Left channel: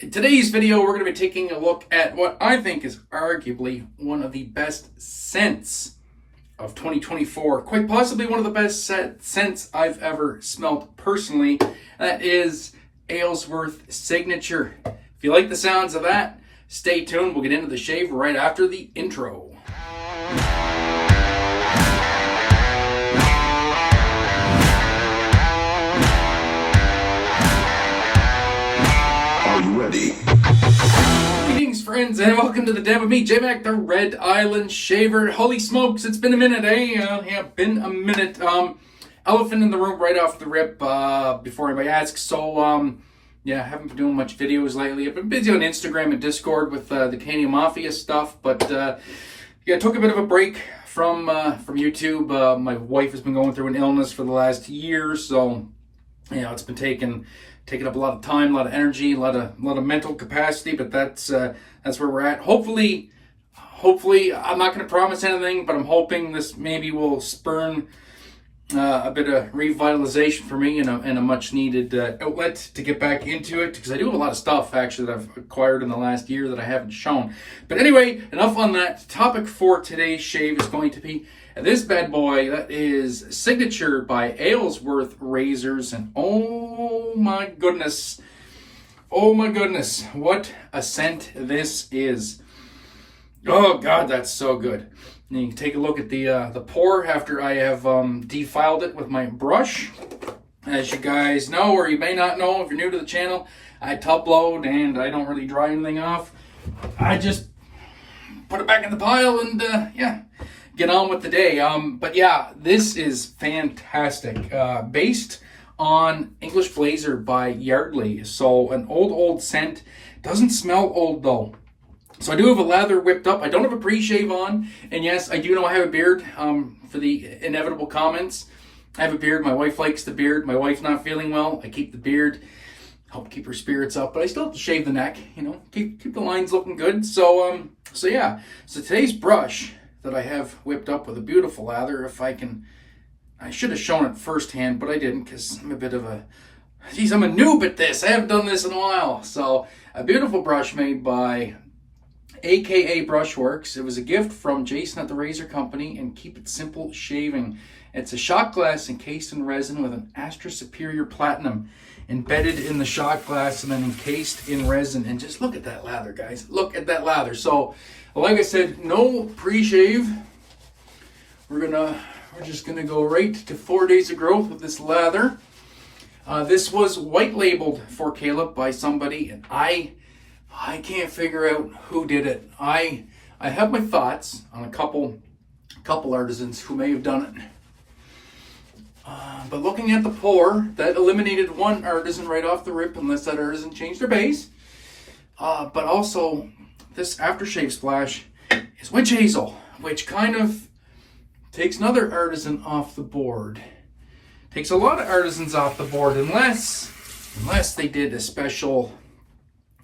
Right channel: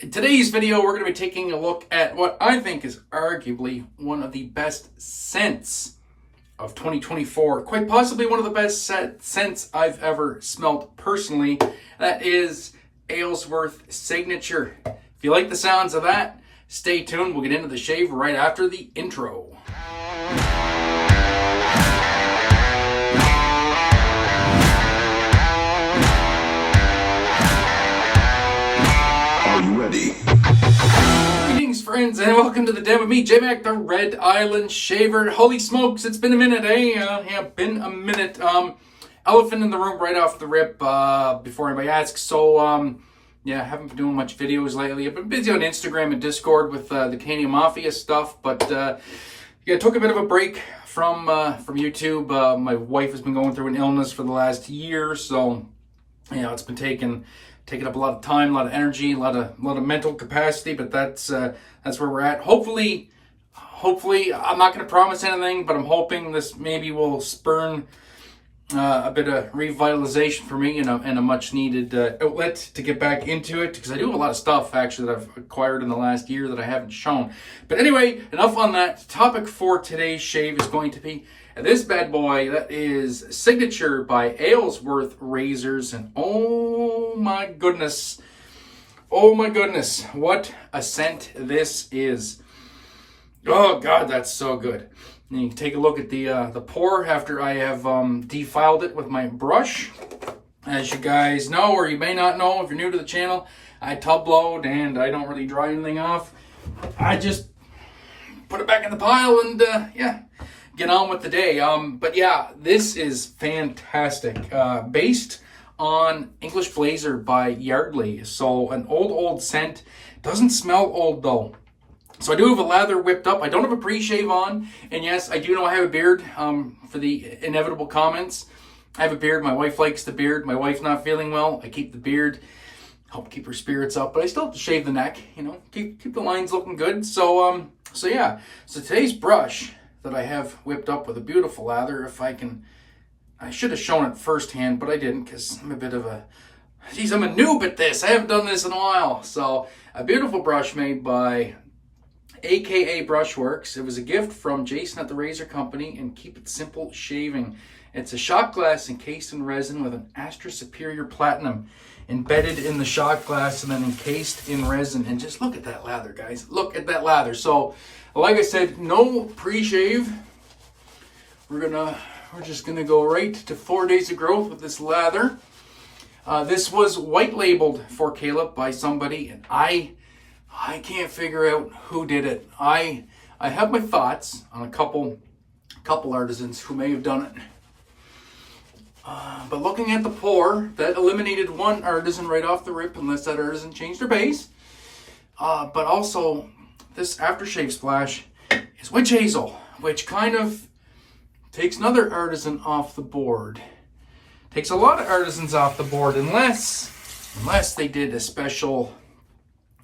In today's video, we're going to be taking a look at what I think is arguably one of the best scents of 2024. Quite possibly one of the best scents I've ever smelled personally. That is Aylsworth Signature. If you like the sounds of that, stay tuned. We'll get into the shave right after the intro. Ready. Greetings, friends, and welcome to the den with me, Jmac, the Red Island Shaver. Holy smokes, it's been a minute, eh? Yeah, been a minute. Elephant in the room right off the rip, before anybody asks. So, yeah, haven't been doing much videos lately. I've been busy on Instagram and Discord with the CanadianMafia stuff, but yeah, took a bit of a break from YouTube. My wife has been going through an illness for the last year, so you know, it's been taking up a lot of time, a lot of energy, a lot of mental capacity, but that's where we're at. Hopefully, I'm not going to promise anything, but I'm hoping this maybe will spurn a bit of revitalization for me and a much needed outlet to get back into it, because I do have a lot of stuff actually that I've acquired in the last year that I haven't shown. But anyway, enough on that. The topic for today's shave is going to be this bad boy. That is Signature by Aylsworth Razors, and oh my goodness, what a scent this is. Oh god, that's so good. And you can take a look at the pour after I have defiled it with my brush. As you guys know, or you may not know if you're new to the channel, I tub load and I don't really dry anything off. I just put it back in the pile and yeah, get on with the day. But yeah, this is fantastic. Based on English Blazer by Yardley. So an old scent. Doesn't smell old though. So I do have a lather whipped up. I don't have a pre-shave on. And yes, I do know I have a beard, for the inevitable comments. I have a beard. My wife likes the beard. My wife's not feeling well. I keep the beard. Help keep her spirits up. But I still have to shave the neck, you know. Keep the lines looking good. So yeah. So today's brush that I have whipped up with a beautiful lather, if I can, I should have shown it firsthand, but I didn't, because I'm a bit of a, geez, I'm a noob at this. I haven't done this in a while. So a beautiful brush made by AKA Brushworks. It was a gift from Jason at the Razor Company, and Keep It Simple Shaving. It's a shot glass encased in resin with an Astra Superior Platinum embedded in the shot glass and then encased in resin. And just look at that lather, guys. Look at that lather. So, like I said, no pre-shave. We're just gonna go right to 4 days of growth with this lather. This was white labeled for Caleb by somebody, and I can't figure out who did it. I have my thoughts on a couple artisans who may have done it. But looking at the pour, that eliminated one artisan right off the rip, unless that artisan changed their base. But also, this aftershave splash is witch hazel, which kind of takes another artisan off the board. Takes a lot of artisans off the board, unless they did a special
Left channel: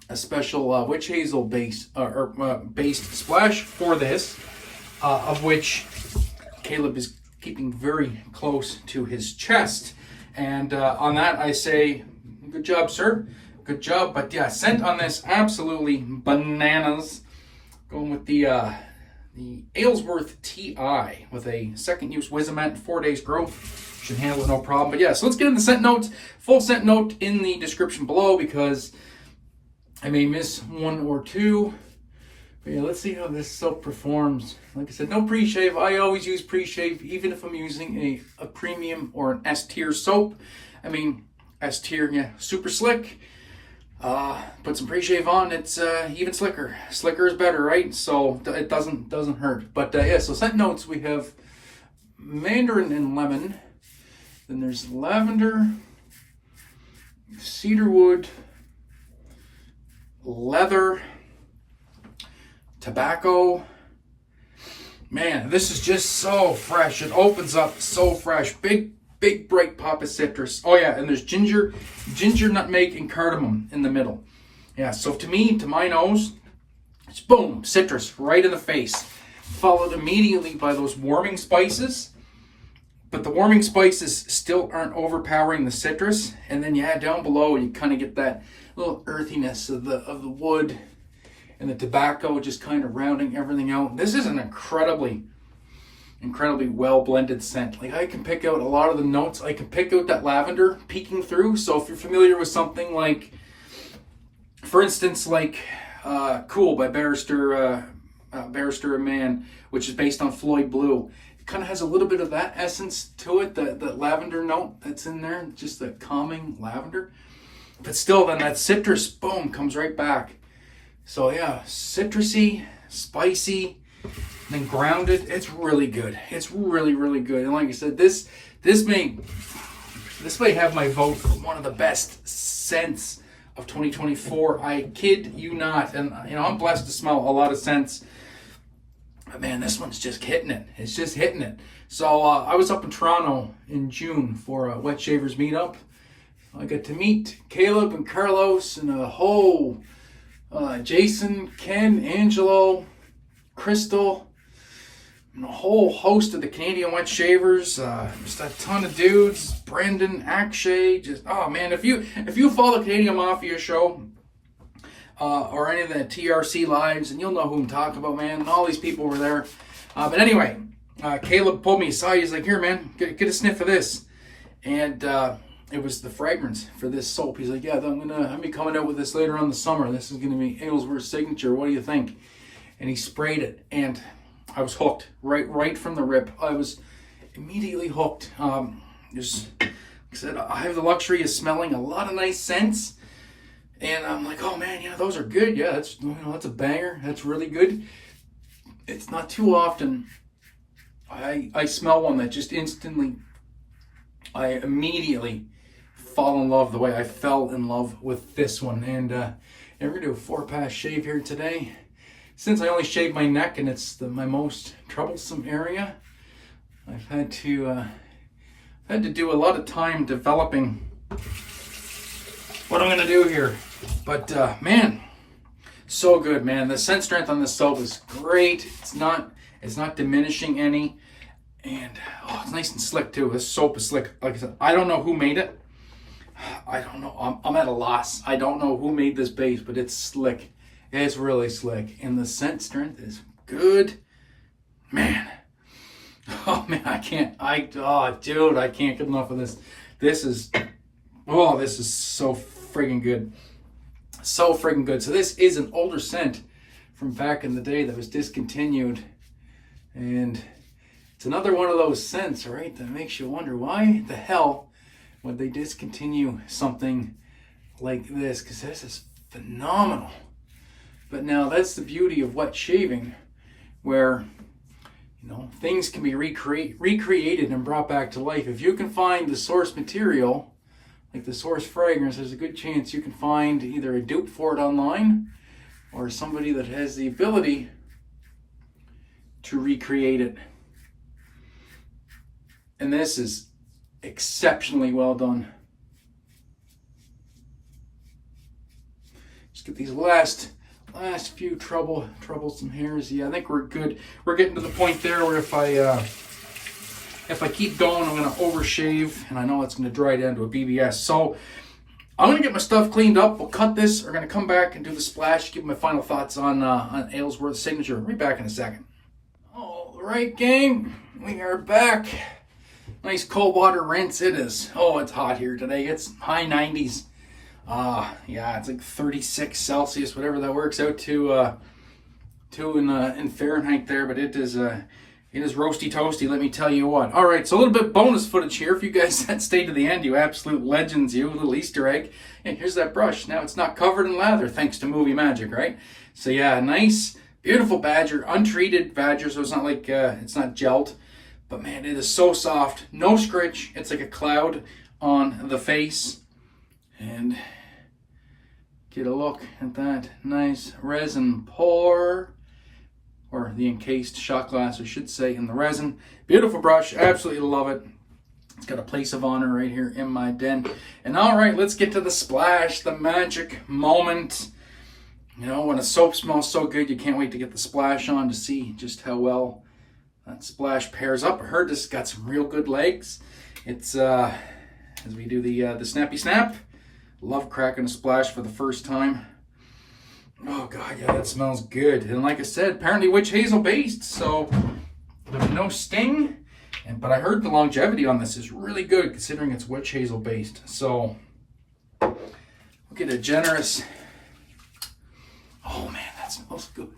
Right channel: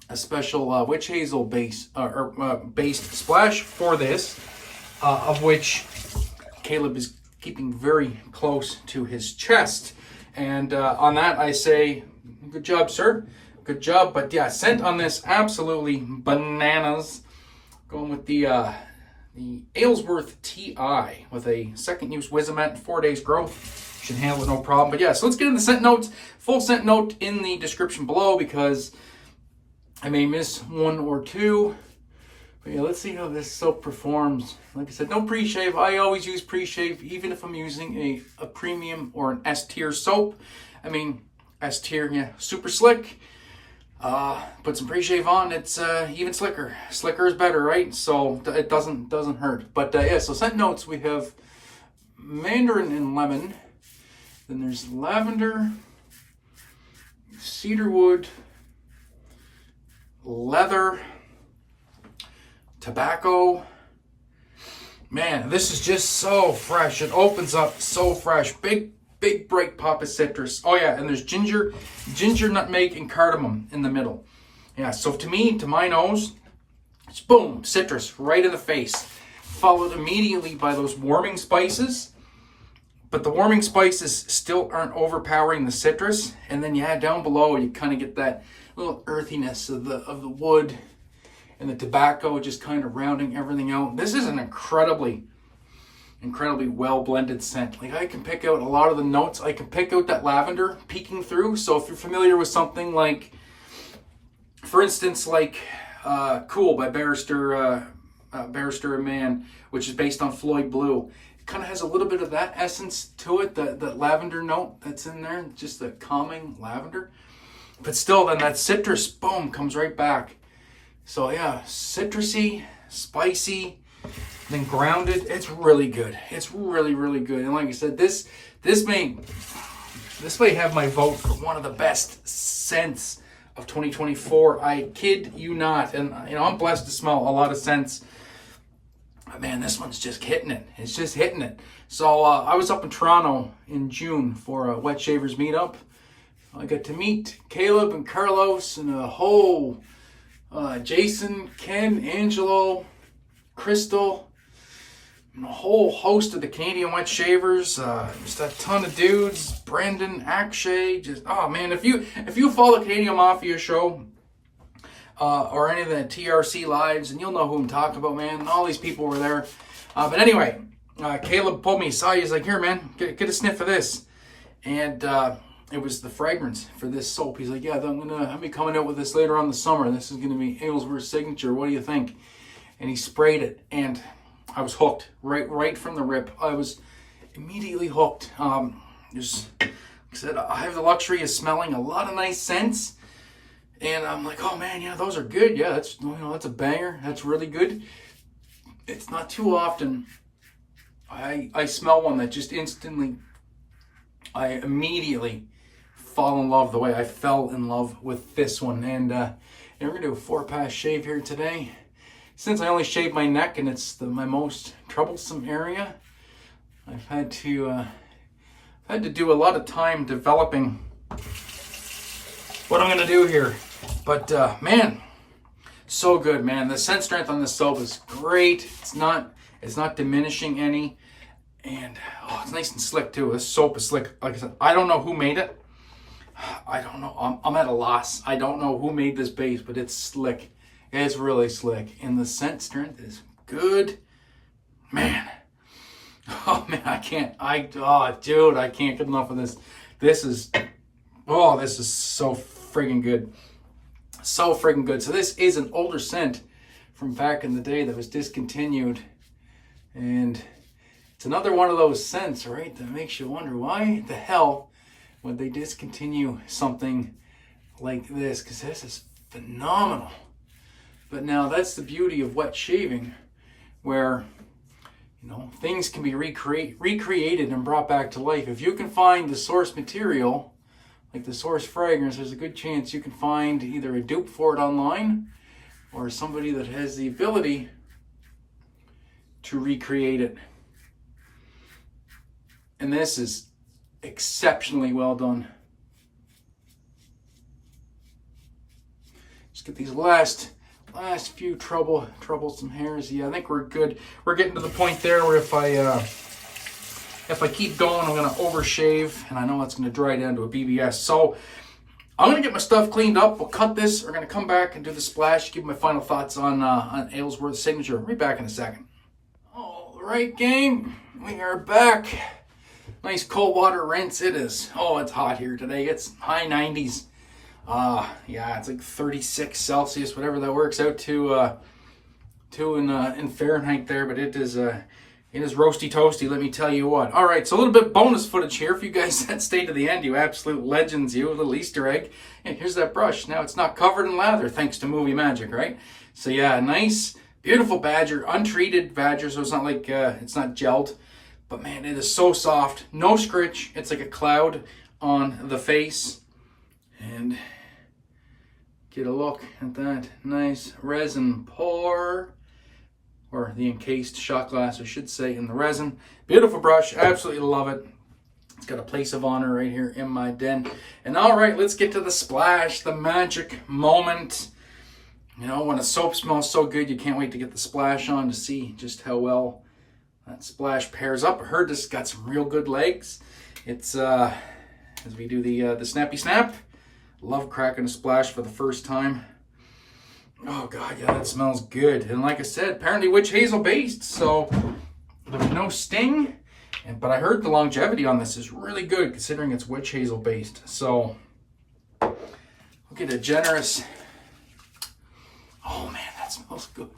witch hazel based splash for this, of which Caleb is keeping very close to his chest. And on that, I say, good job, sir. Good job. But yeah, scent on this, absolutely bananas. Going with the Aylsworth Ti with a second use Wizamet, 4 days growth. Should handle it no problem. But yeah, so let's get into the scent notes. Full scent note in the description below, because I may miss one or two. But yeah, let's see how this soap performs. Like I said, no pre-shave. I always use pre-shave, even if I'm using a premium or an S-tier soap. I mean, S-tier, yeah, super slick. Put some pre-shave on, it's even slicker. Slicker is better, right? So it doesn't hurt. But yeah, so scent notes, we have mandarin and lemon. Then there's lavender, cedarwood, leather, tobacco. Man, this is just so fresh. It opens up so fresh. Big bright pop of citrus. Oh yeah, and there's ginger, nutmeg, and cardamom in the middle. Yeah, so to my nose, it's boom, citrus right in the face. Followed immediately by those warming spices. but the warming spices still aren't overpowering the citrus. And then yeah, down below you kind of get that little earthiness of the wood and the tobacco just kind of rounding everything out. This is an incredibly well blended scent. Like I can pick out a lot of the notes. I can pick out that lavender peeking through. So if you're familiar with something like, for instance, like Cool by Barrister and Mann, which is based on Floyd Blue. It kind of has a little bit of that essence to it, that lavender note that's in there, just the calming lavender. But still, then that citrus, boom, comes right back. So yeah, citrusy, spicy, then grounded. It's really good. It's really, really good. And like I said, this may have my vote for one of the best scents of 2024. I kid you not. And you know, I'm blessed to smell a lot of scents. But man, this one's just hitting it. It's just hitting it. So I was up in Toronto in June for a Wet Shavers meetup. I got to meet Caleb and Carlos and a whole Jason, Ken, Angelo, Crystal, and a whole host of the Canadian Wet Shavers. Just a ton of dudes. Brendan, Akshay, just oh man! If you follow the Canadian Mafia Show or any of the TRC lives, and you'll know who I'm talking about, man. All these people were there. But anyway, Caleb pulled me aside. He's like, "Here, man, get a sniff of this," and it was the fragrance for this soap. He's like, "Yeah, I'll be coming out with this later on in the summer. This is gonna be Aylsworth Signature. What do you think?" And he sprayed it, and I was hooked right from the rip. I was immediately hooked. Just like I said, I have the luxury of smelling a lot of nice scents, and I'm like, oh man, yeah, those are good. Yeah, that's a banger. That's really good. It's not too often I smell one that just instantly, I immediately fall in love the way I fell in love with this one. And we're gonna do a 4-pass shave here today. Since I only shaved my neck and it's my most troublesome area, I've had to do a lot of time developing what I'm gonna do here. But man, so good, man. The scent strength on this soap is great. It's not diminishing any, and oh, it's nice and slick too. This soap is slick. Like I said, I don't know who made it. I don't know. I'm at a loss. I don't know who made this base, but it's slick. It's really slick, and the scent strength is good, man. Oh man, dude, I can't get enough of this. This is so friggin' good, so friggin' good. So this is an older scent from back in the day that was discontinued, and it's another one of those scents, right, that makes you wonder why the hell would they discontinue something like this? Because this is phenomenal. But now that's the beauty of wet shaving, where things can be recreated and brought back to life. If you can find the source material, like the source fragrance, there's a good chance you can find either a dupe for it online or somebody that has the ability to recreate it. And this is exceptionally well done. Just get these last few troublesome hairs. Yeah, I think we're good. We're getting to the point there where if I keep going, I'm gonna overshave, and I know it's gonna dry down to a BBS. So I'm gonna get my stuff cleaned up. We'll cut this. We're gonna come back and do the splash. Give my final thoughts on Aylsworth Signature. I'll be back in a second. All right, gang, we are back. Nice cold water rinse. It is. Oh, it's hot here today. It's high 90s. Yeah, it's like 36 Celsius, whatever that works out to in Fahrenheit there, but it is roasty toasty, let me tell you what. All right, so a little bit bonus footage here. If you guys that stayed to the end, you absolute legends, you. A little Easter egg. And here's that brush. Now it's not covered in lather, thanks to movie magic, right? So yeah, nice, beautiful badger, untreated badger, so it's not like, it's not gelled. But man, it is so soft, no scritch. It's like a cloud on the face. And get a look at that nice resin pour, or the encased shot glass, I should say, in the resin. Beautiful brush, absolutely love it. It's got a place of honor right here in my den. And all right, let's get to the splash, the magic moment. When a soap smells so good, you can't wait to get the splash on to see just how well That splash pairs up. I heard this has got some real good legs. It's as we do the snappy snap. Love cracking a splash for the first time. Oh God, yeah, that smells good. And like I said, apparently witch hazel based, so there's no sting. But I heard the longevity on this is really good considering it's witch hazel based. So we'll get a generous. Oh man, that smells good.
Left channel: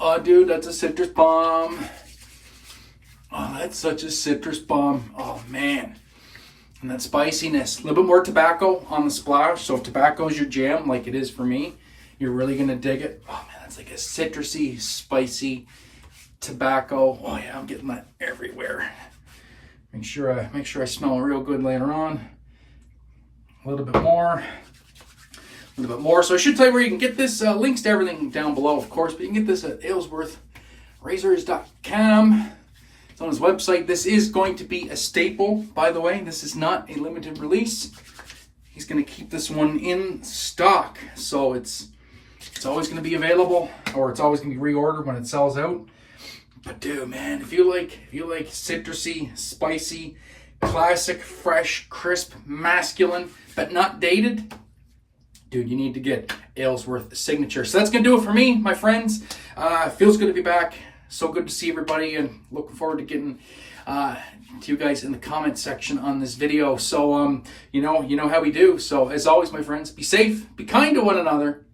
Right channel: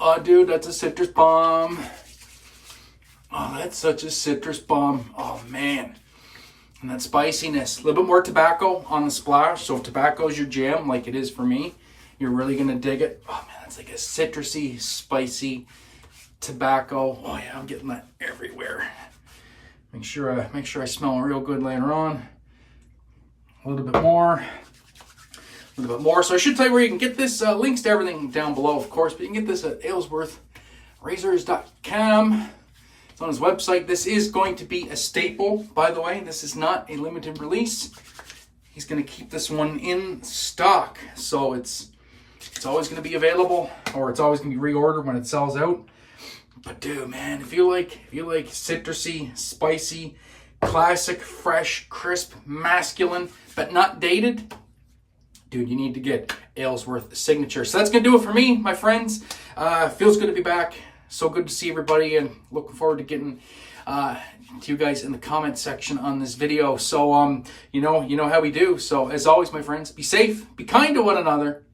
Oh dude, that's a citrus bomb. Oh, that's such a citrus bomb. Oh man. And that spiciness. A little bit more tobacco on the splash. So if tobacco is your jam, like it is for me, you're really gonna dig it. Oh man, that's like a citrusy, spicy tobacco. Oh yeah, I'm getting that everywhere. Make sure I smell real good later on. A little bit more. So I should tell you where you can get this. Links to everything down below, of course, but you can get this at aylsworthrazors.com. It's on his website. This is going to be a staple, by the way. This is not a limited release. He's going to keep this one in stock, so it's always going to be available, or it's always going to be reordered when it sells out. But dude, man, if you like citrusy, spicy, classic, fresh, crisp, masculine, but not dated, dude, you need to get Aylsworth Signature. So that's going to do it for me, my friends. Feels good to be back. So good to see everybody, and looking forward to getting to you guys in the comment section on this video. So, you know how we do. So as always, my friends, be safe, be kind to one another.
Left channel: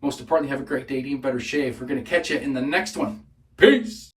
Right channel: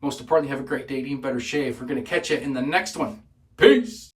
Most importantly, have a great day, even better shave. We're going to catch you in the next one. Peace.